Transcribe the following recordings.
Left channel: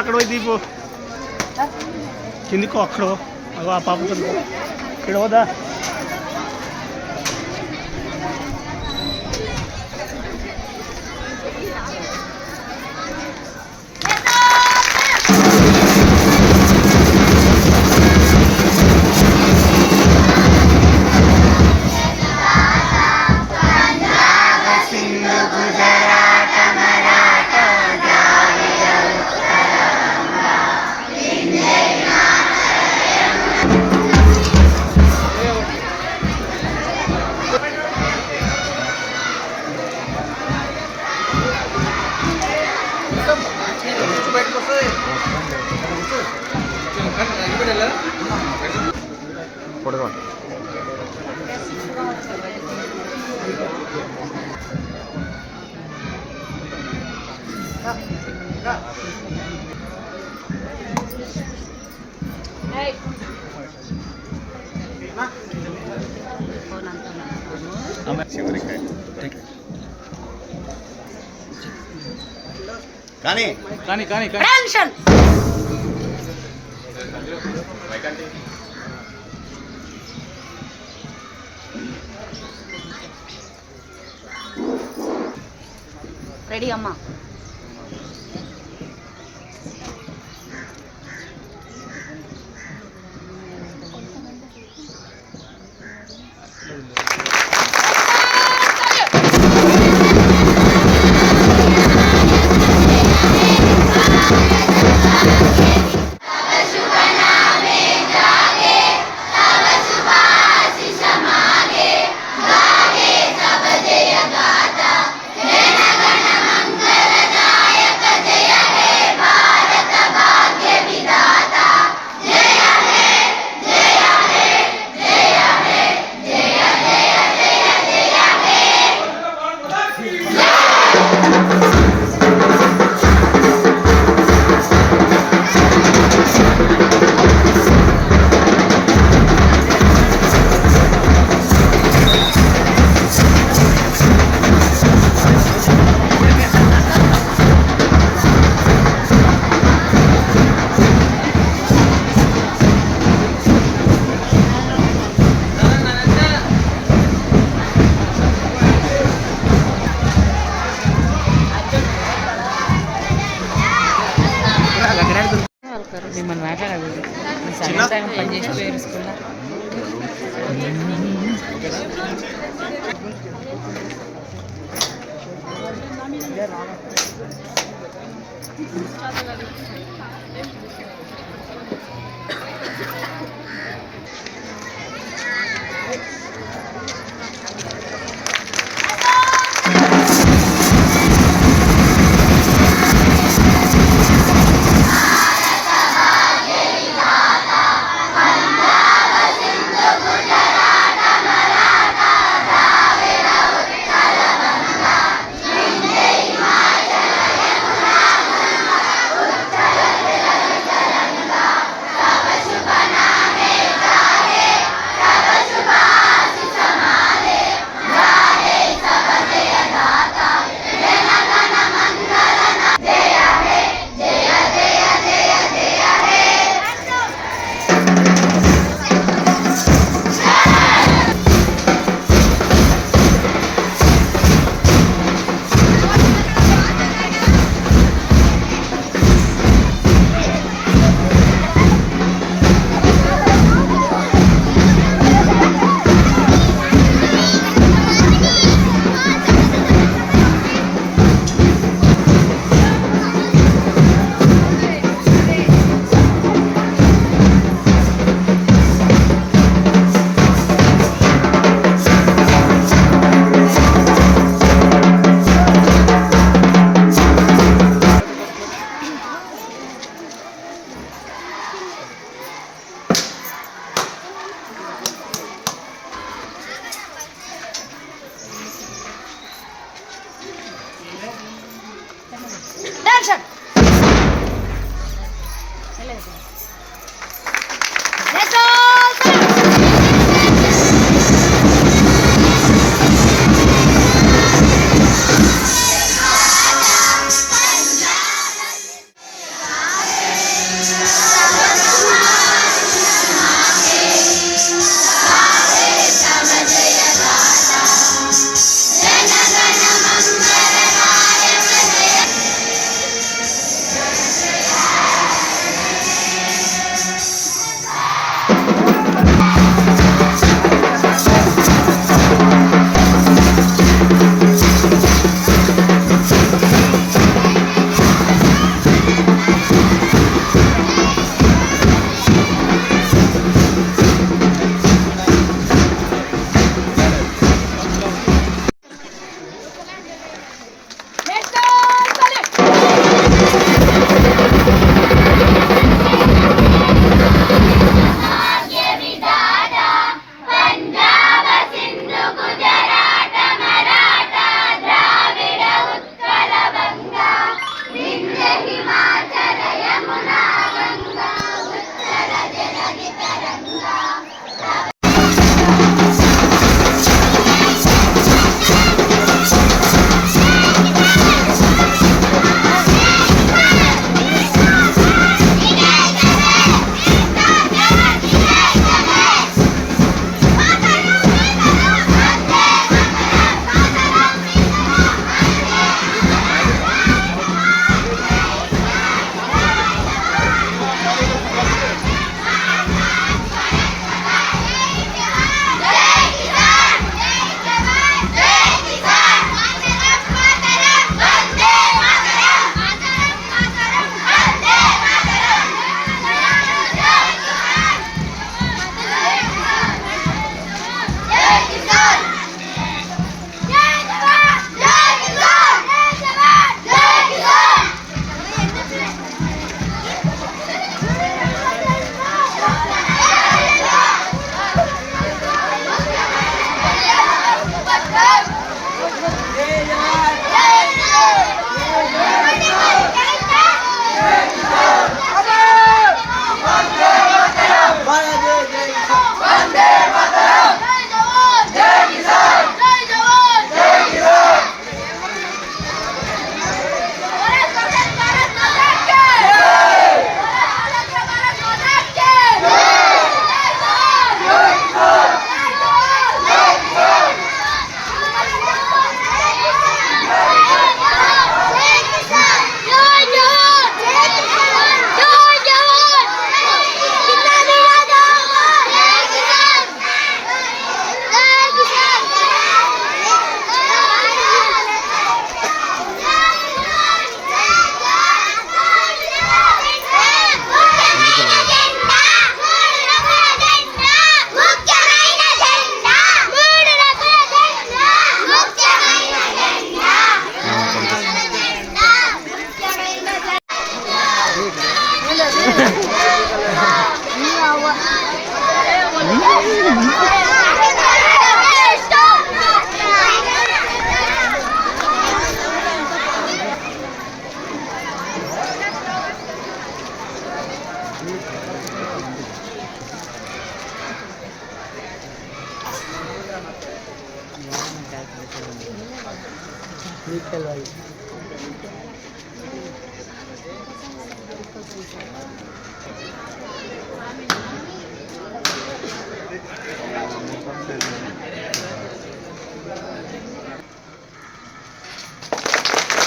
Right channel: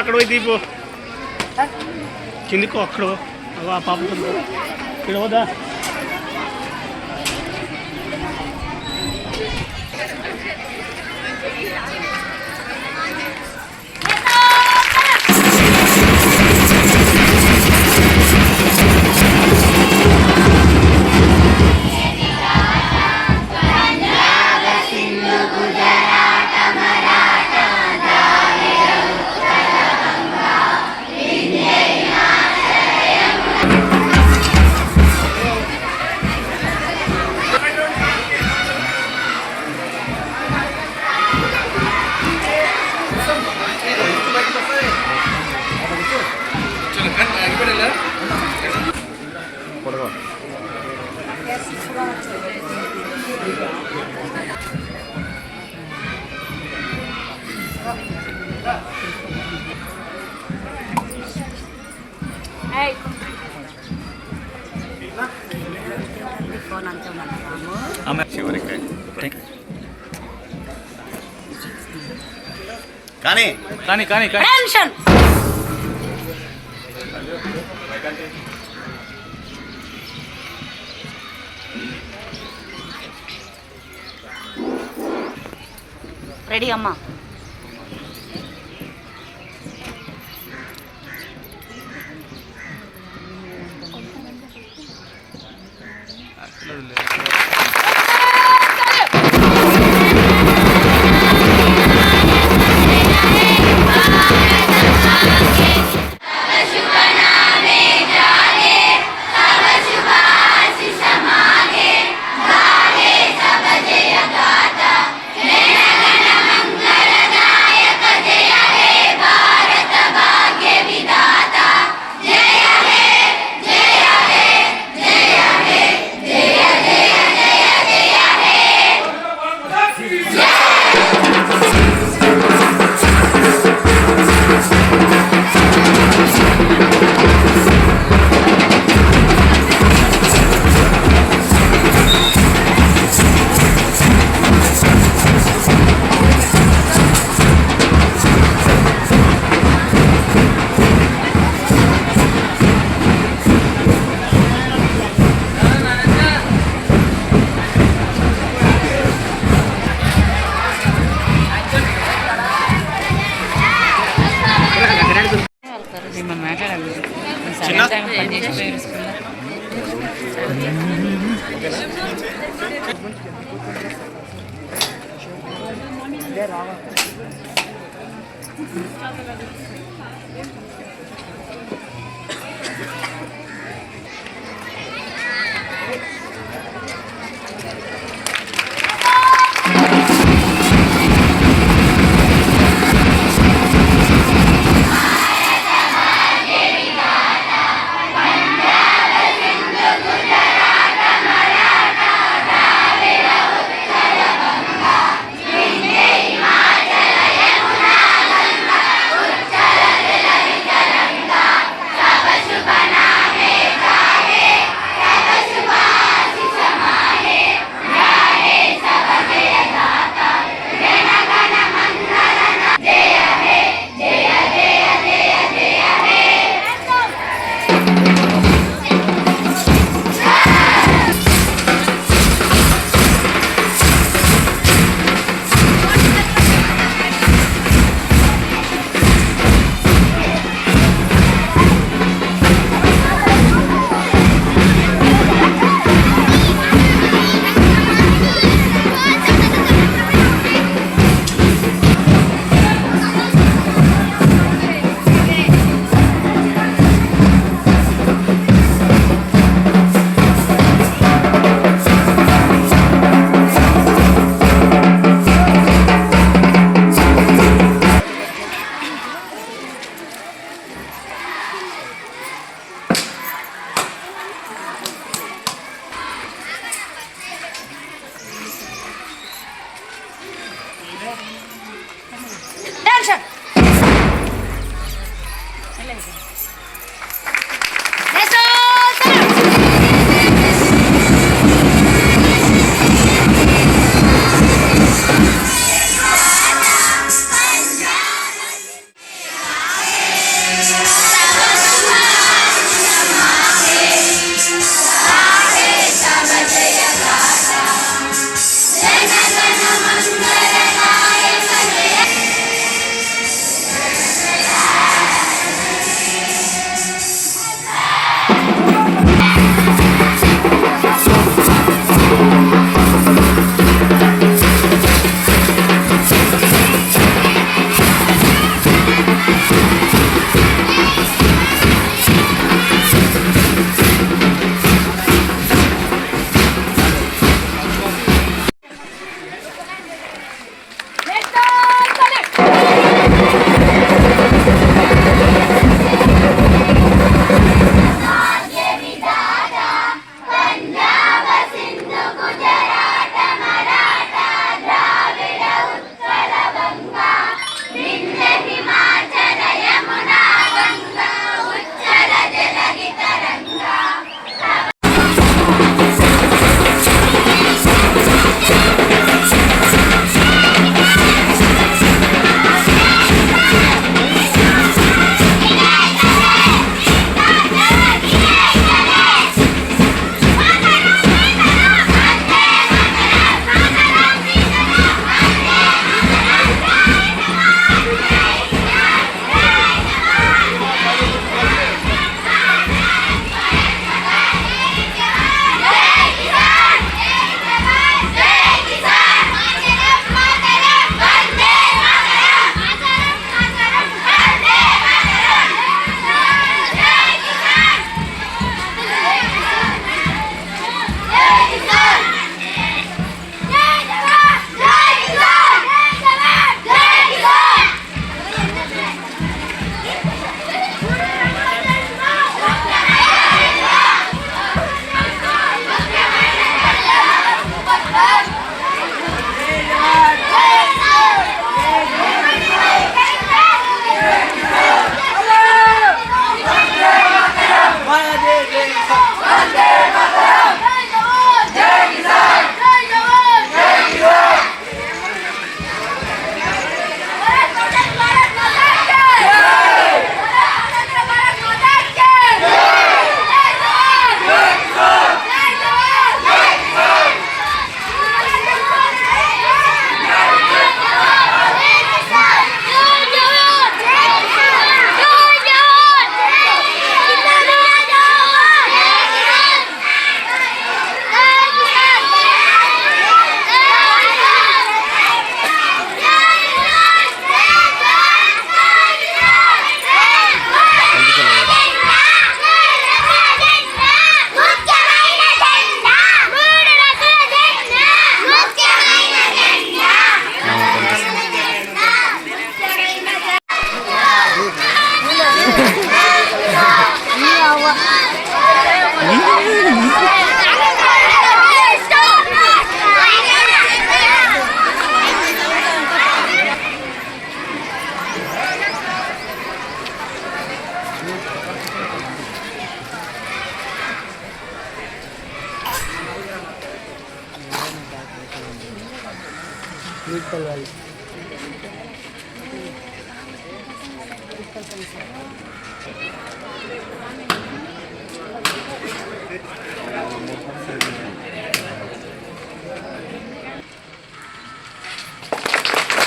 అక్కడ పోయి దీపు. కిందికి అక్కడ పాప. ఇక్కడ పోదా. కానీ కానీ కానీ కానీ. టెన్షన్ రెడీ అమ్మా. Teşekkür ederim.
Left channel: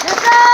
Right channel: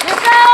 また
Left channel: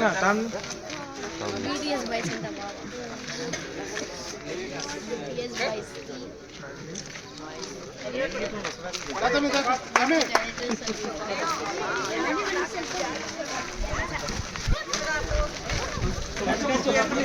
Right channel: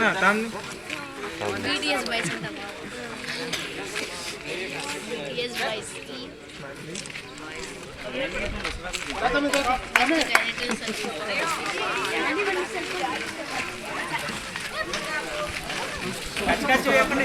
না দাম টিডিএস 22 দাম টিডিএস 22 কথা মে কথা আমি কাছে কাছে আপনি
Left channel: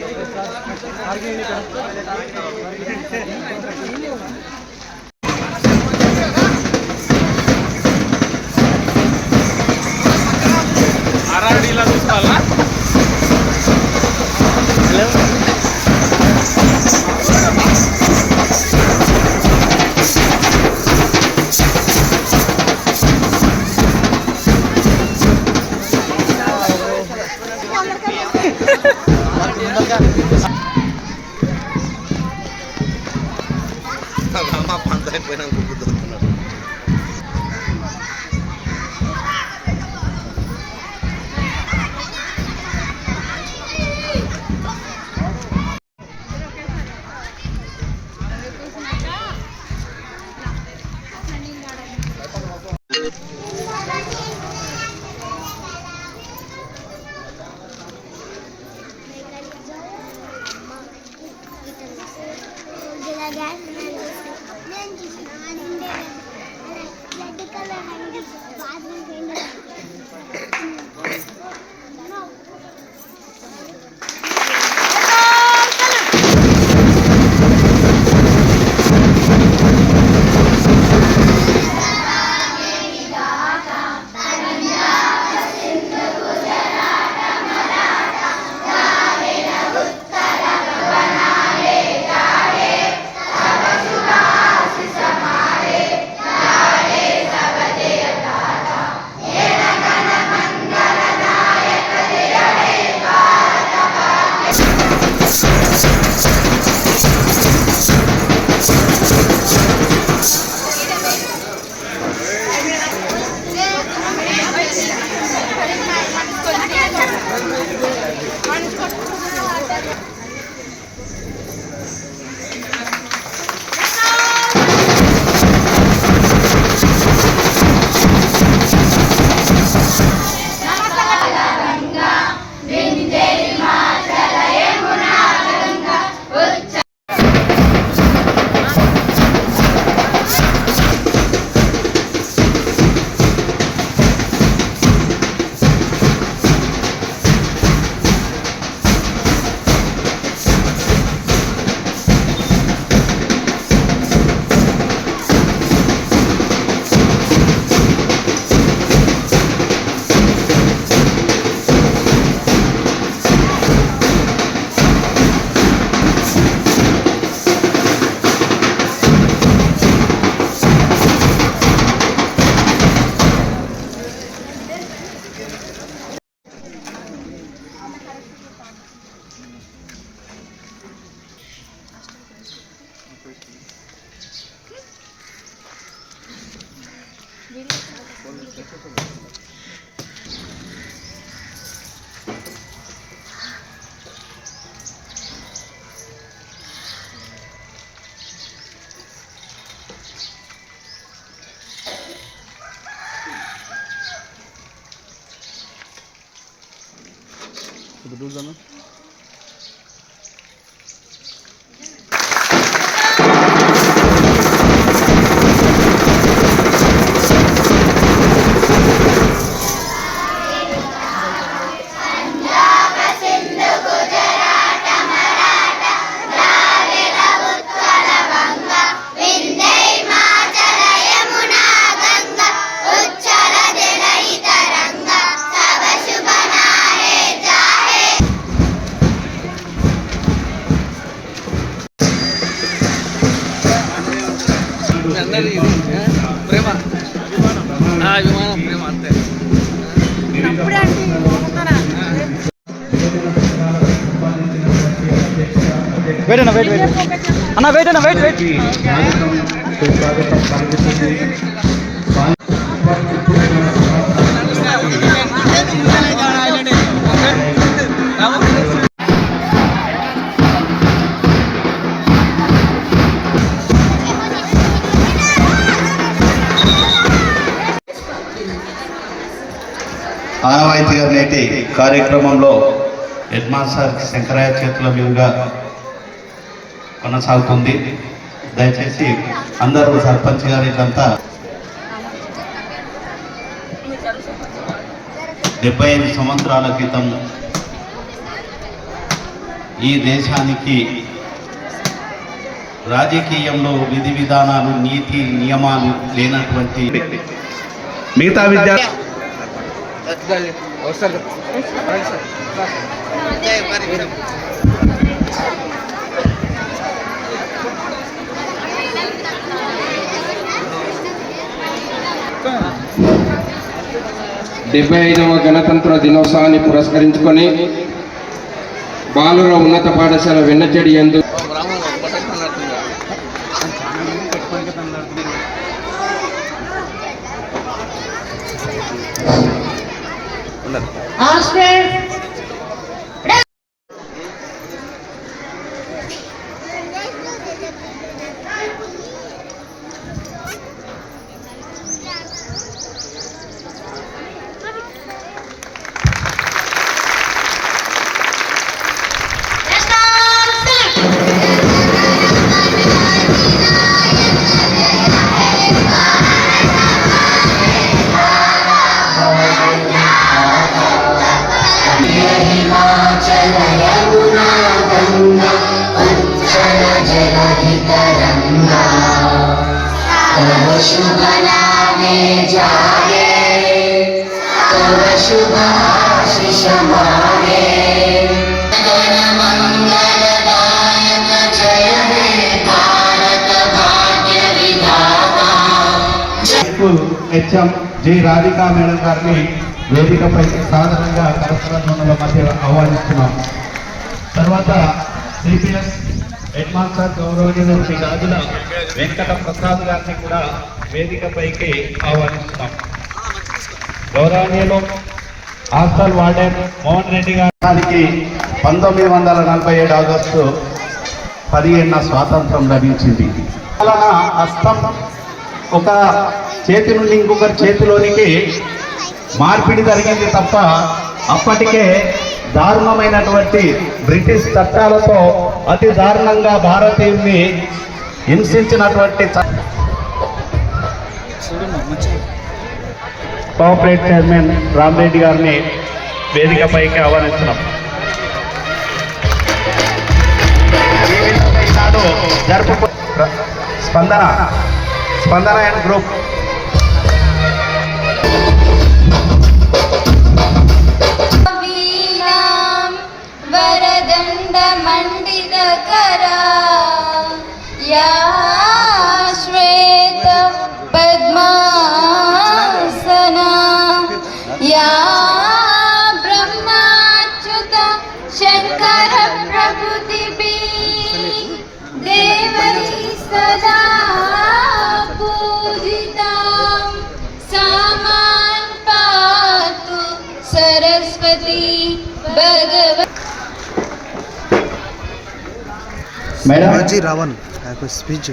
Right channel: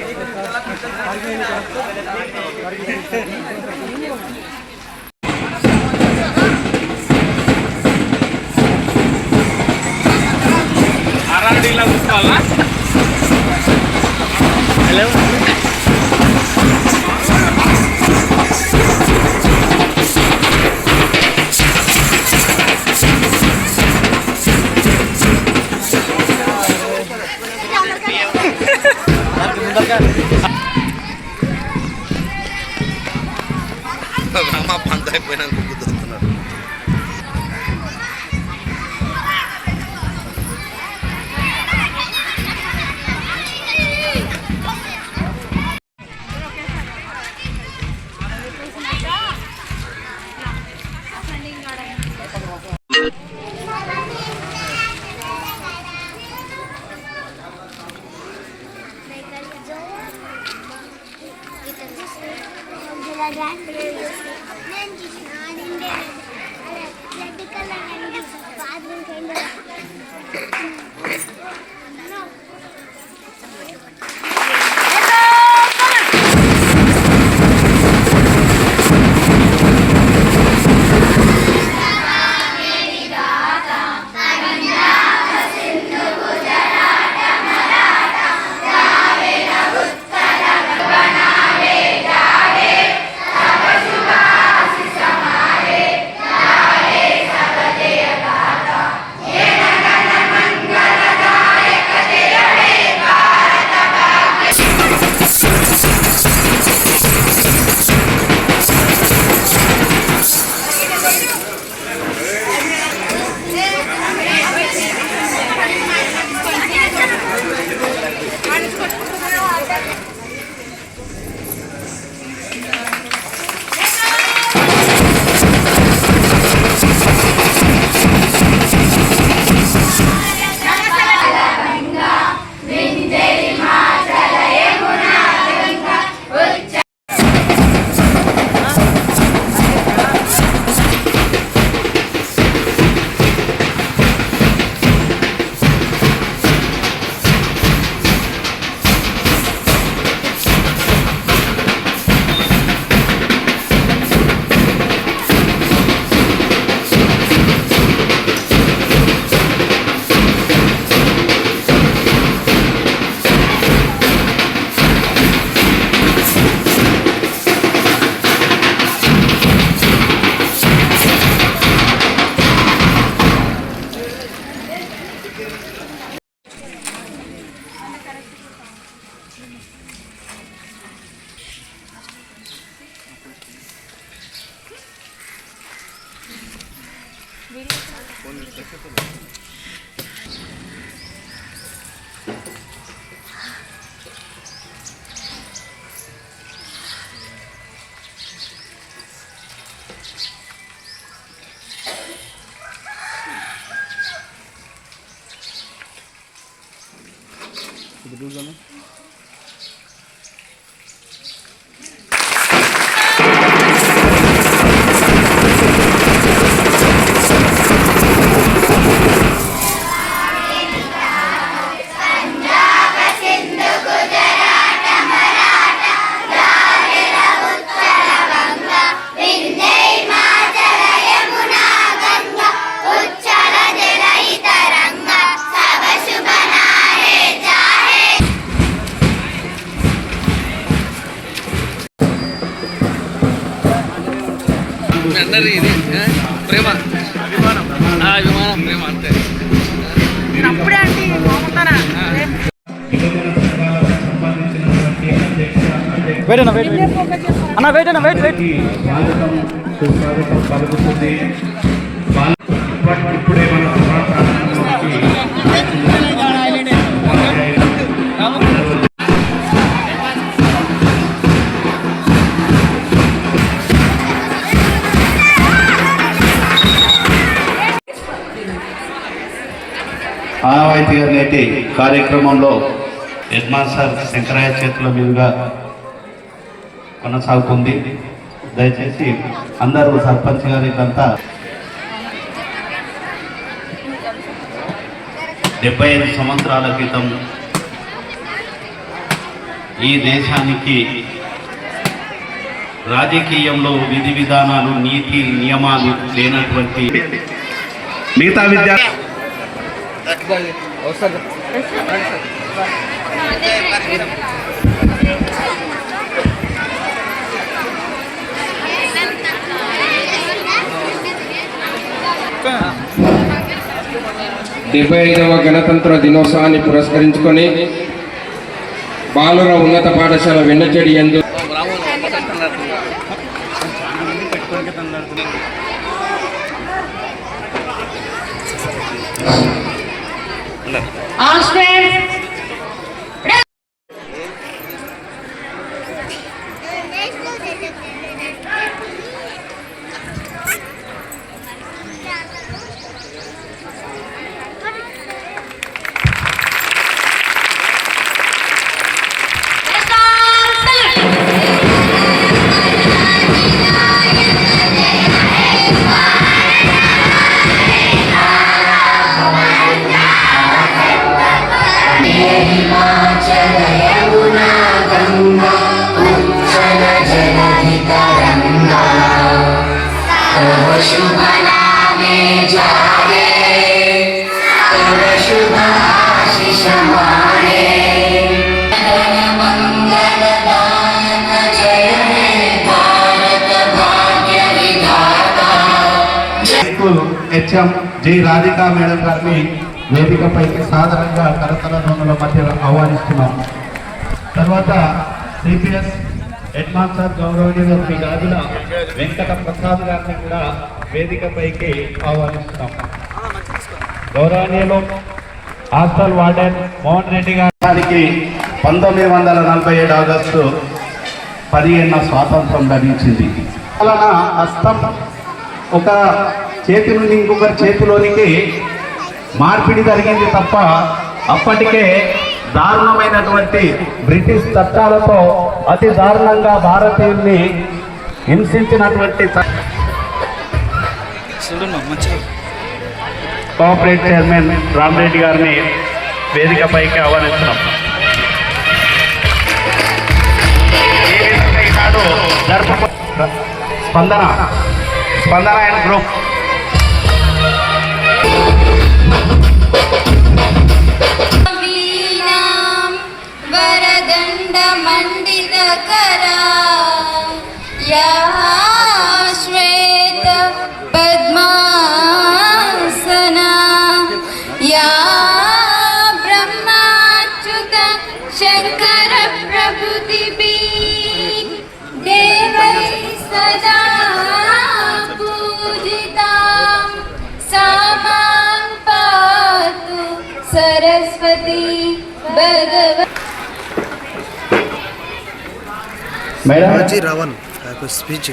Bye. Budur canım. ఇప్పుడే మన సభా ఆనవాయితీగా నేటి కార్యక్రమంలో హెడ్ సార్ శంకరయ్య చేతుల మీదుగా కొనసాగుతుంది. దయచేసి అందరూ సర్పంచ్ గారి ఇదంతా డెబ్బై ఐదు సంవత్సరాల క్రితం ఈ దేశానికి రాజకీయంలో విధి విధానాలు నీతి నియమాలు లేనటువంటి మిగతా విద్యా వస్తారు డెబ్బై ఐదవ గణతంత్ర దినోత్సవాన్ని పురస్కరించుకొని బాలుర ఉన్నత పాఠశాల వెన్నచెడి ఎందు school HM G Radhika madam గారిని వేదికపైకి సాధారణంగా కరతల ధ్వనుల మధ్య ఆహ్వానిస్తున్నాం. తర్వాత సిపిఎస్ హెడ్ మాస్టర్ గౌరవనీయులు శ్రీ గాజుల వెంకట ప్రసాద్ గారిని కూడా వేదికపైకి ఆహ్వానిస్తున్నాం. గౌరవనీయులు హాస్టల్ వార్డెన్ మోహన్ రెడ్డి గారికి పంతొమ్మిది వందల నలభై ఏడు ఆగస్టు పదిహేనున స్వాతంత్రం లభించింది. అలాన హస్తం ఒక చేతి నుండి ఇంకొకరి చేతిలోనికి మార్పిడి జరిగింది తప్ప అప్పటికే దారుణమైనటువంటి బ్రిటిష్ చట్టాలతో అతి దారుణంగా భారతీయుల్ని హింసించినటువంటి కోఆపరేట్ చైర్మన్ రామరెడ్డి గారిని వేదికపైకి ఆహ్వానిస్తున్నాం. Spandana Spandana and group. Madam Ravan speech